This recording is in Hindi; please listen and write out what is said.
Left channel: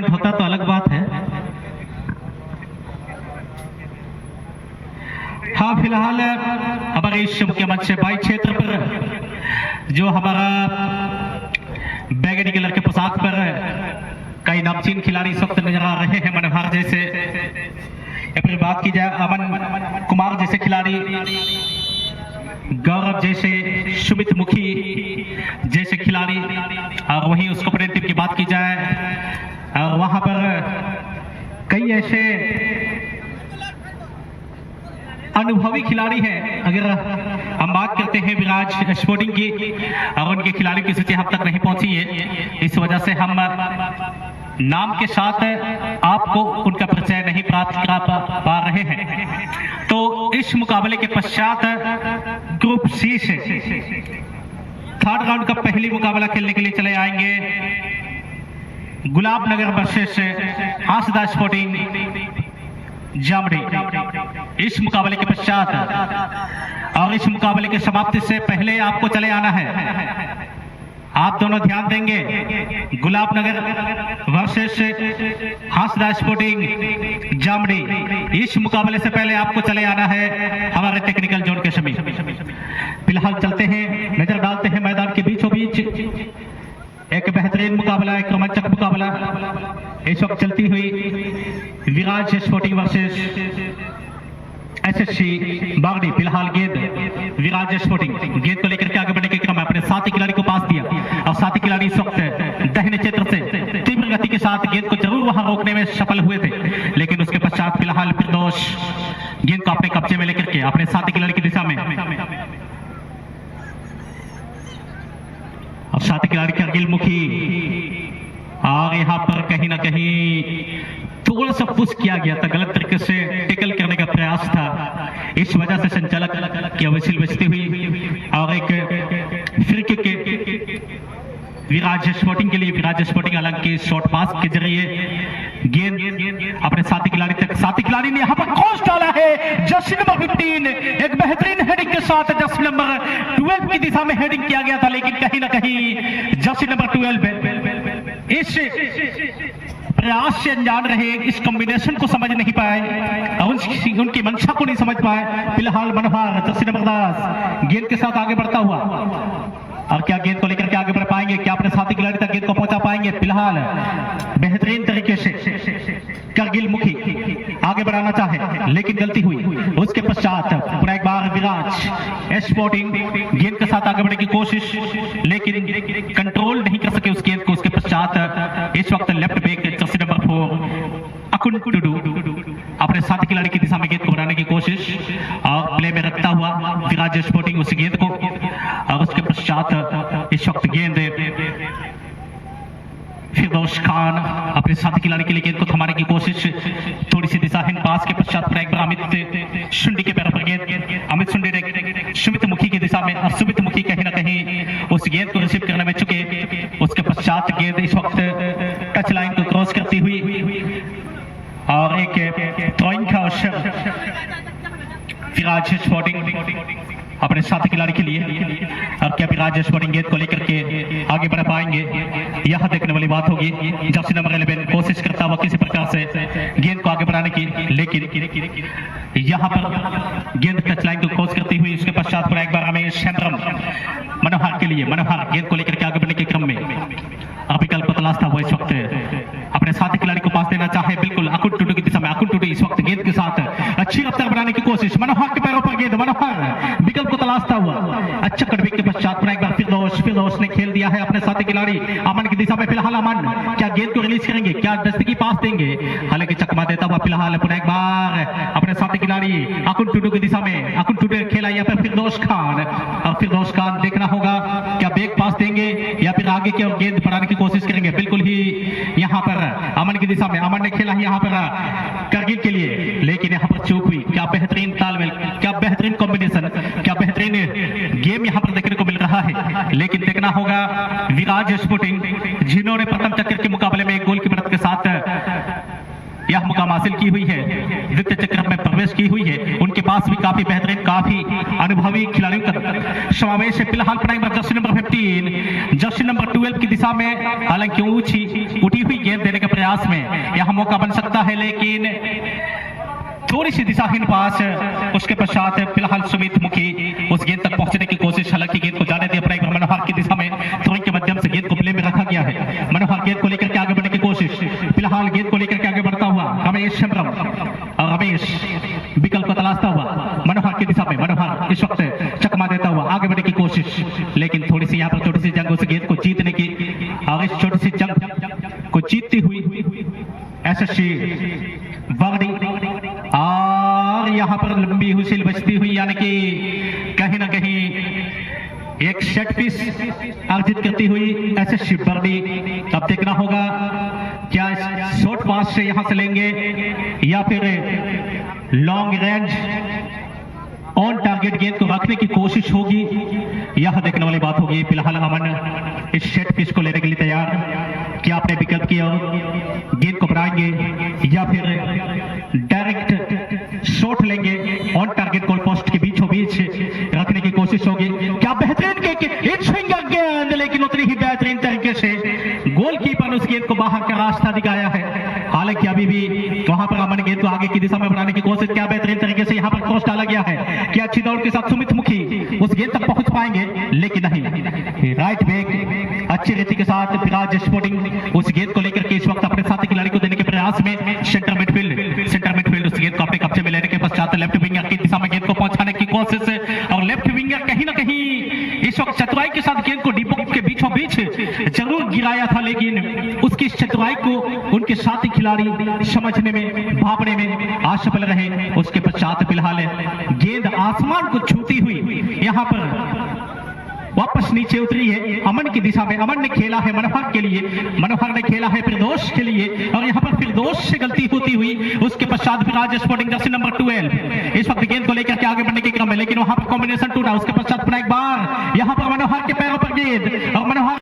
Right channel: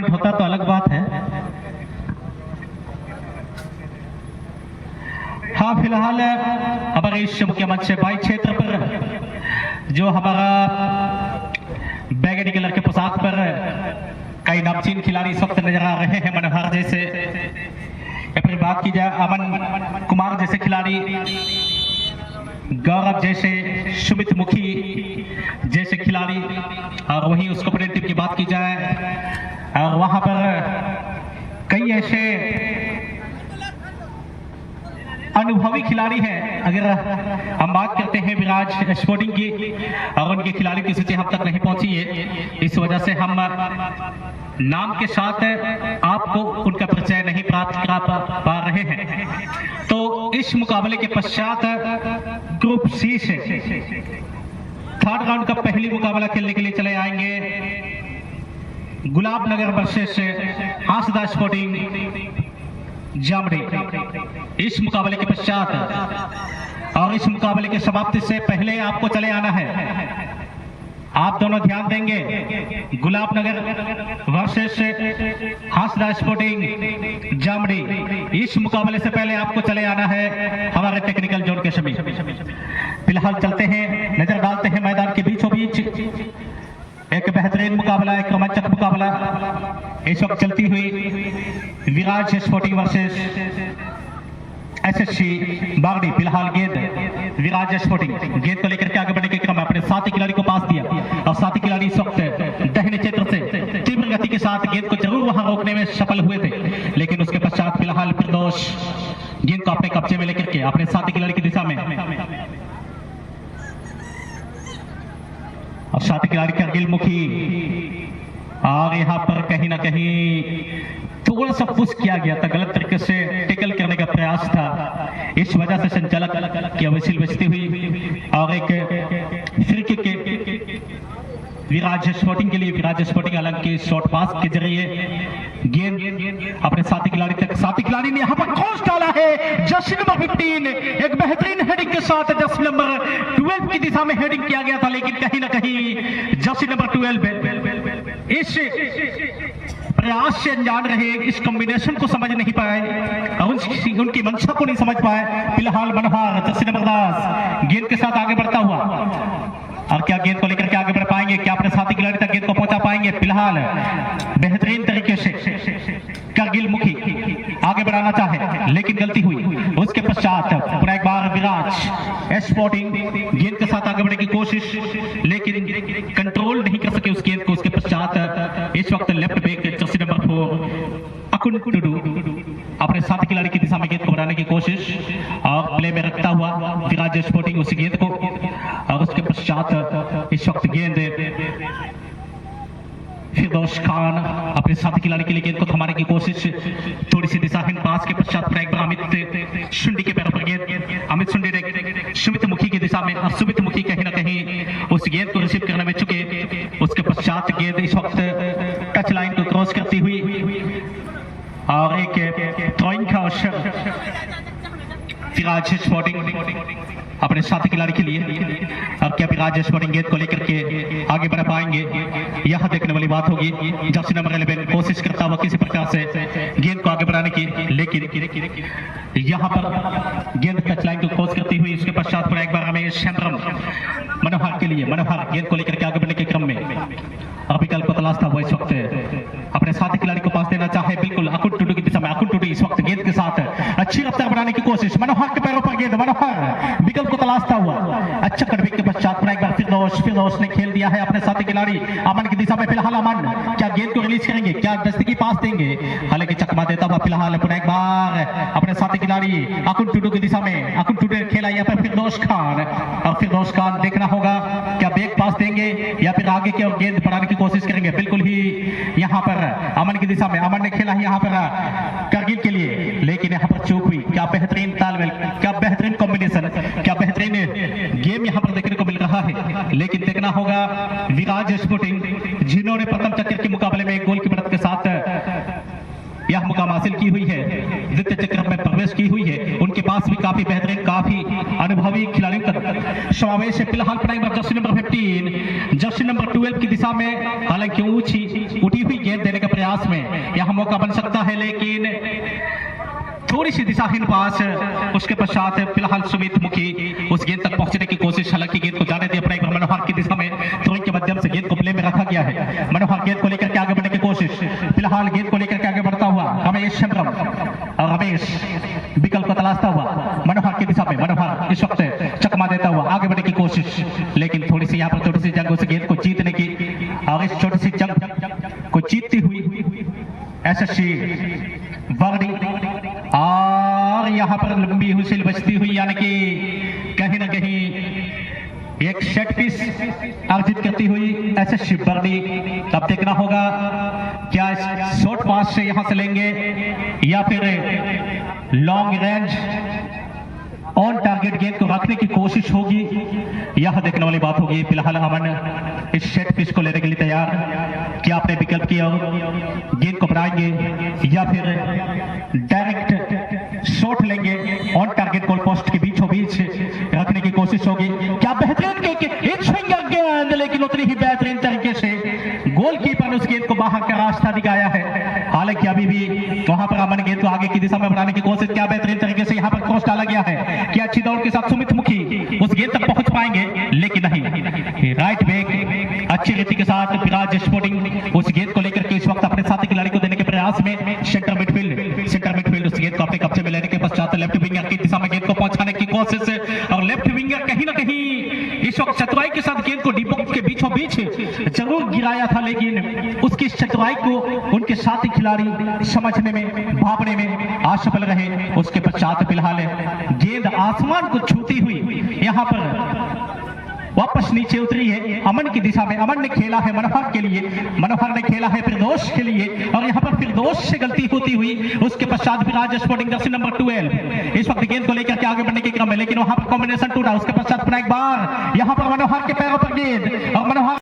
टूर्नामेंट होता तो अलग बात है। हाँ, फिलहाल हमारे इस मुख्य मंच से बाई क्षेत्र पर जो हमारा बैगनी कलर के पोशाक पर कई नामचीन खिलाड़ी इस वक्त नजर आ रहे हैं। मनोहर जैसे, या फिर बात की जाए अमन कुमार जैसे खिलाड़ी, गौरव जैसे, सुमित मुखी जैसे खिलाड़ी, और वहीं उसको ओपोनेंट टीम की बात की जाए और वहां पर कई ऐसे अनुभवी खिलाड़ी हैं। अगर हम बात करते हैं विराज स्पोर्टिंग की, और उनके खिलाड़ियों की सूची हम तक नहीं पहुंची है, इस वजह से हम नाम के साथ आपको उनका परिचय नहीं प्राप्त करा पा रहे हैं। तो इस मुकाबले के पश्चात ग्रुप सी से थर्ड राउंड का पहली मुकाबला खेलने के लिए चले आएंगे गुलाब नगर वर्सेस हासदा स्पोर्टिंग जामड़ी। इस मुकाबले के पश्चात और इस मुकाबले की समाप्ति से पहले आपको चले आना है। आप दोनों ध्यान देंगे, गुलाब नगर वर्सेस हासदा स्पोर्टिंग जामड़ी, इस मुकाबले से पहले आपको चले आना है हमारे टेक्निकल जोन के समीप। फिलहाल चलते हैं, नजर डालते हैं मैदान के बीचों बीच एक बेहतरीन मुकाबला, एक रोमांचक मुकाबला इस वक्त चलती हुई विराज स्पोर्टिंग वर्सेस एसएससी बागड़ी। फिलहाल गेंद विराज स्पोर्टिंग गेंद को लेकर के आगे बढ़ने के क्रम में अपने साथी खिलाड़ी को पास दिया, और साथी खिलाड़ी इस वक्त दाहिने क्षेत्र से तीव्र गति के साथ गेंद को जरूर वहां रोकने में सफल हुए थे, लेकिन उसके पश्चात फिलहाल फिरदौस गेंद को अपने कब्जे में लेकर के अपने साथी खिलाड़ी की दिशा में, और साथी खिलाड़ी करगिल मुखी, और यहाँ पर कहीं ना कहीं थोड़ा सा पुश किया गया था, गलत तरीके से टेकल करने का प्रयास था, इस वजह से संचालक की विसिल बजती हुई और एक फ्री किक विराज स्पोर्टिंग के लिए। विराज स्पोर्टिंग हालांकि शॉर्ट पास के जरिए गेंद अपने साथी खिलाड़ी तक, साथी खिलाड़ी ने यहाँ पर क्रॉस डाला है। जर्सी नंबर 15 एक बेहतरीन हेडिंग के साथ जर्सी नंबर 12 की दिशा में हेडिंग किया गया था, लेकिन कहीं ना कहीं जर्सी नंबर 12 इस प्रयास से अनजान रहे, इस कॉम्बिनेशन को समझ नहीं पाए और उनकी मंशा को नहीं समझ पाए। फिलहाल मनोहर जर्सी नंबर 10 गेंद के साथ आगे बढ़ता हुआ, और क्या गेंद को लेकर के आगे बढ़ पाएंगे, क्या अपने साथी खिलाड़ी तक गेंद को पहुंचा पाएंगे। फिलहाल बेहतरीन तरीके से करगिल मुखी आगे बढ़ाना चाहे, लेकिन गलती हुई। उसके पश्चात पूरा एक बार विराज स्पोर्टिंग गेंद के साथ आगे बढ़ने की कोशिश, लेकिन कंट्रोल नहीं कर सके उस गेंद को। उसके पश्चात इस वक्त left back jersey number 4 Akun Tudu अपने साथी खिलाड़ी की दिशा में गेंद को बढ़ाने की कोशिश, और प्ले में रखता हुआ विराज स्पोर्टिंग उस गेंद को, और उसके पश्चात इस वक्त गेंद फिरदौस खान अपने साथी खिलाड़ी के लिए गेंद को थमाने की कोशिश, थोड़ी सी दिशाहीन पास के पश्चात एक बार अमित शुंडी के पैरों पर गेंद, अमित शुंडी ने सुमित मुखी की दिशा में, और सुमित मुखी कहीं ना कहीं उस गेंद को रिसीव करने में चुके। उसके पश्चात गेंद इस वक्त टच लाइन को क्रॉस करती हुई, और एक थ्रोइंग का अवसर विराज स्पोर्टिंग अपने साथी खिलाड़ी के लिए। अब क्या विराज स्पोर्टिंग गेंद को लेकर के आगे बढ़ पाएंगे, यह देखने वाली बात होगी। जर्सी नंबर 11 कोशिश करता हुआ किसी प्रकार से गेंद को आगे बढ़ाने की, लेकिन यहाँ पर गेंद टच लाइन को क्रॉस करती हुई, उसके पश्चात पूरा एक बार हमें सेंट्रम मनोहर के लिए, मनोहर गेंद को लेकर के आगे बढ़ने के क्रम में विकल्प को तलाशता हुआ इस वक्त अपने साथी खिलाड़ी को पास देना चाहे, बिल्कुल अकुन टुडू की दिशा में। अकुन टुडू इस वक्त गेंद के साथ अच्छी रफ्तार बनाने की कोशिश, मनोहर के पैरों पर गेंद, मनोहर विकल्प को तलाशता हुआ अच्छा कटबैक के पश्चात एक बार फिरदौस ने खेल दिया है अपने साथी खिलाड़ी अमन की दिशा में। फिलहाल अमन क्या गेंद को रिलीज करेंगे, क्या दस्तकी पास देंगे, हालांकि चकमा देता हुआ फिलहाल पुनः एक बार अपने साथी खिलाड़ी अकुन टुडू की दिशा में। अकुन टुडू खेला यहाँ पर फिरदौस खान, और फिरदौस खान देखना होगा क्या बैक पास देंगे या फिर आगे की ओर गेंद बढ़ाने की कोशिश करेंगे। बिल्कुल ही यहाँ पर अमन की दिशा में, अमन ने खेला यहाँ पर करगिल के लिए, लेकिन यहाँ पर चूक हुई। क्या बेहतरीन तालमेल, क्या बेहतरीन कॉम्बिनेशन, क्या बेहतरीन गेम यहाँ पर देखने को मिल रहा है। लेकिन देखना होगा विराज स्पोर्टिंग जिन्होंने प्रथम चक्कर के मुकाबले में एक गोल की मदद के साथ यह मुकाम हासिल की हुई है, द्वितीय चक्र में प्रवेश की हुई है, उनके पास भी काफी बेहतरीन, काफी अनुभवी खिलाड़ियों का समावेश है। फिलहाल जर्सी नंबर 15 जर्सी नंबर 12 की दिशा में हालांकि ऊंची उठी हुई गेंद देने के प्रयास में यहाँ मौका बन सकता है, लेकिन थोड़ी सी दिशाहीन पास। उसके पश्चात फिलहाल सुमित मुखी उस गेंद तक पहुंचने की कोशिश, हालांकि गेंद को जाने दिया पर एक बार मनोहर की दिशा में थ्रोइंग के माध्यम से गेंद को प्ले में रखा गया है। मनोहर गेंद को लेकर के आगे बढ़ने की कोशिश, फिलहाल गेंद को लेकर के आगे बढ़ता हुआ रमेश शमरम और रमेश विकल्प को तलाशता हुआ मनोहर की दिशा में। मनोहर इस वक्त चकमा देता हुआ आगे बढ़ने की कोशिश, लेकिन थोड़ी सी यहाँ पर छोटी सी जंग उस गेंद को जीतने की, और इस छोटी सी जंग को जीतती हुई एसएससी वागड़ी, और यहाँ पर लंबी हुसिल बजती हुई, यानी कि कहीं ना कहीं एक सेट पीस अर्जित करती हुई एसएससी बर्डी। अब देखना होगा क्या शॉर्ट पास से यहां से लेंगे या फिर लॉन्ग रेंज ऑन टारगेट गेंद को रखने की कोशिश होगी, यह देखने वाली बात होगी। फिलहाल अमन इस सेट पीस को लेने के लिए तैयार, क्या आपने विकल्प किया, गेंद को बढ़ाएंगे या फिर डायरेक्ट शॉट लेंगे, ऑन टारगेट गोल पोस्ट के बीचों बीच रखने की कोशिश होगी। क्या बेहतरीन एक स्विंगर गेंद, लेकिन उतनी ही बेहतरीन तरीके से गोलकीपर ने उस गेंद को बाहर का रास्ता दिखाया है। हालांकि अभी भी वहां पर अमन गेंद को आगे की दिशा में बढ़ाने की कोशिश, क्या बेहतरीन तरीके से यहां पर क्रॉस डाला गया है, क्या अच्छी दौड़ के साथ सुमित मुखी उस गेंद तक पहुंच पाएंगे, लेकिन नहीं। राइट बैक अच्छी रीति के साथ विराज स्पोर्टिंग उस गेंद को लेकर के इस वक्त अपने साथी खिलाड़ी को देने के प्रयास में। सेंटर मिडफील्ड उस गेंद को अपने कब्जे में लेने के पश्चात लेफ्ट विंगर की दिशा में गेंद को पहुंचाने की कोशिश, और लेफ्ट विंगर कहीं ना कहीं इस वक्त चतुराई के साथ गेंद को डी बॉक्स के बीचों बीच जरूर गिराया था, लेकिन उसकी चतुराई को उनके साथी खिलाड़ी समझने में, भापने में असफल रहे। उसके पश्चात फिलहाल गेंद आसमान को छूती हुई यहां पर वापस नीचे उतरी है अमन की दिशा में। अमन ने खेला है मनोहर के लिए, मनोहर ने खेला है फिरदौस के लिए, और यहां पर फिरदौस से गलती होती हुई उसके पश्चात विराज स्पोर्टिंग जर्सी नंबर 12 इस वक्त गेंद को लेकर के आगे बढ़ने के क्रम में, लेकिन वहां पर कॉम्बिनेशन टूटा। उसके पश्चात एक बार यहां पर मनोहर के पैरों पर गेंद, और मनोहर